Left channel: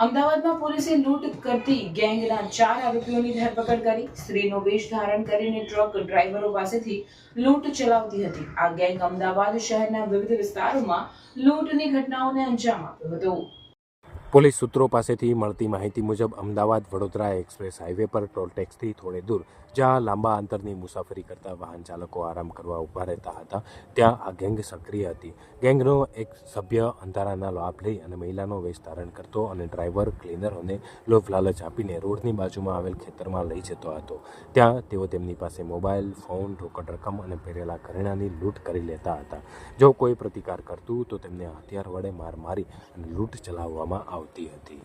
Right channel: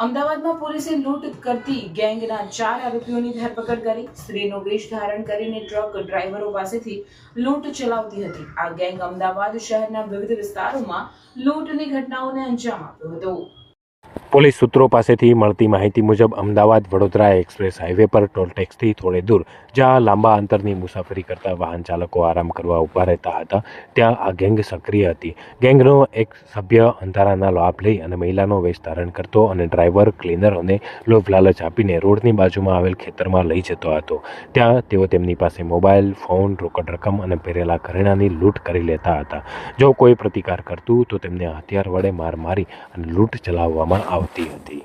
અમદાવાદમાં પોલીસે લૂંટ કરતી ગેંગના 4 આરોપીઓની ધરપકડ કરી. સ્ત્રીનો વેશ ધારણ કરીને ટ્રક ડ્રાઈવરો પાસેથી લૂંટ ચલાવતી હતી. આ ગેંગ અમદાવાદ શહેરના વિવિધ વિસ્તારોમાં લૂંટની ઘટનાઓને અંજામ આપ્યો હતો. પોલીસ સૂત્રો પાસેથી મળતી માહિતી મુજબ અમદાવાદ વડોદરા એક્સપ્રેસ હાઈવે પર ટોલટેક્સથી થોડે દૂર, જ્યાં લાંબા અંતરની મુસાફરી કરતા વાહન ચાલકો આરામ કરવા ઊભા રહેતા હતા, ત્યાં આ ગેંગ સક્રિય હતી. ગેંગનો એક સભ્ય અંધારાના લાભ લઈ અને મહિલાનો વેશ ધારણ કરતો અને ડ્રાઈવર ક્લીનરોને લોભ લાલચ આપીને રોડની બાજુમાં આવેલ ખેતરમાં લઈ જતો હતો. ત્યાં તેઓ તેમની પાસે મોબાઈલ ફોન, રોકડ રકમ અને પહેરેલા ઘરેણાંની લૂંટ કરી લેતા હતા. જો કોઈ પ્રતિકાર કરતું તો તેમને હથિયાર વડે માર મારી અને લૂંટ ચલાવવામાં આવતી હતી.